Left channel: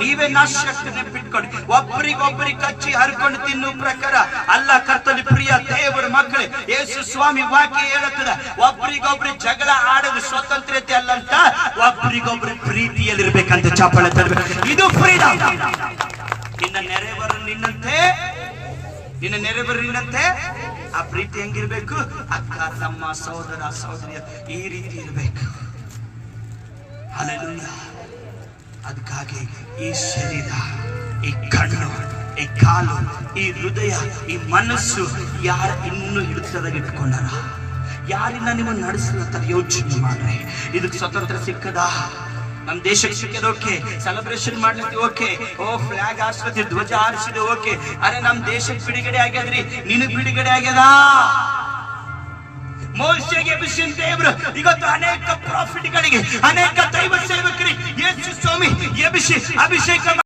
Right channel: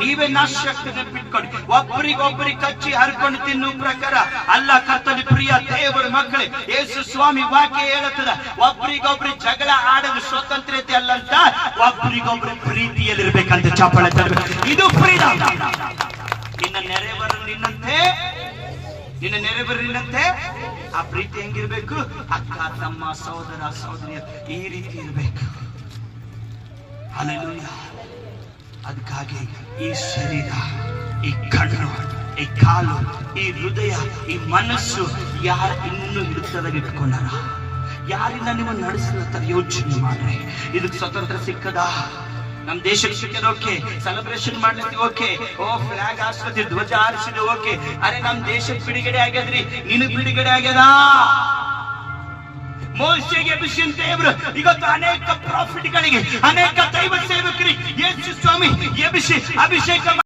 ನೀವೇ ನಾಶ ಆಗ್ತದೆ. ನೆನ್ಪಿಟ್ಕೊಡಿ, ಒಬ್ಬರಿಗೊಬ್ಬರಿಗೆ ಕಚ್ಚಿ ಹರ್ಕೊಂಡು ತಿನ್ನುವ ಪ್ರಕಾರ ಅಲ್ಲ. ಕರ್ತವ್ಯ ಪ್ರಿಯ ದೇವರ ಮಕ್ಕಳೇ, ಯೇಸು ಸ್ವಾಮಿ ವಾಕ್ಯ ಹೇಳುತ್ತದೆ, ಒಬ್ಬರಿಗೊಬ್ರು ಜಗಳ ಆಡಲು ಸ್ವತಂತ್ರತೆ ಅಲ್ಲಂತ, ಒಬ್ಬರಿಗೊಬ್ರು ಪ್ರೀತಿಯಲ್ಲಿರ್ಬೇಕಂತ. ಚಾಪಳೆ ತರಬೇಕು, ಇದು ಫ್ರೀಡಮ್. ನಿನ್ನ ನೆರೆಬರು ನಿನ್ನಂತೆ ಆ ಪ್ರೀತಿ ಹೆಂಗಿರ್ಬೇಕು? ಅಕ್ಕ ತಮ್ಮ ಸಹೋದರ ಸಹೋದರಿಯ ಈ ರೀತಿ ಇರ್ಬೇಕು. ಹಲ್ಲೆಲೂಯ. ಅದಕ್ಕಾಗಿ ಈ ಶರೀರ, ಈ ಕಣ್ಣು, ಈ ಕಾಲು, ಈ ಹೃದಯ, ಈ ಮನಸ್ಸು ಯಾರು ಇನ್ನೂ ಹಿಡಿತದಾಗ ಇಟ್ಕೊಂಡಾರ? ಯಾರಿನ ನೀವು ನಡೆಸಲತ್ತಾರ? ಯೋಚನೆ ಮಾಡ್ರಿ. ಇದಕ್ಕೆ ಸ್ವತಂತ್ರ ಸಿಕ್ಕದ? ನಮ್ ದೇಶಕ್ಕೆ ಸಿಕ್ಕದ? ಓಕೆ. ಸೆಲೆಬ್ರೇಷನ್ ಮಾಡ್ಲಿಕ್ಕೆ ಓಕೆ. ಓ ಫ್ಲಾಗ್ ಹಾರಿಸ್ಲತ್ತಿ, ಧ್ವಜ ಹಾರಿಸಿದೆ, ಓಕೆ. ಅರೆ ನಮ್ ದೇಶಕ್ಕೆ ಬಿಡುಗಡೆ ಆಗ್ಯದ್ರಿ, ನಿನಗ್ ಬಿಡುಗಡೆ ಆಗ್ಯದ? ಮೋಶೆಗೆ ಎಬ್ಬಿಸಿದ ದೇವರು ಇವತ್ತು ಅನೇಕ ಪ್ರಾಫಿಟ್ಗಳಿಗೆ, ಅನೇಕ ದೈವ ಸೇವಕರಿಗೆ ಯೇಸು ಸ್ವಾಮಿ ಎಬ್ಬಿಸಿ ಅಭಿಷೇಕ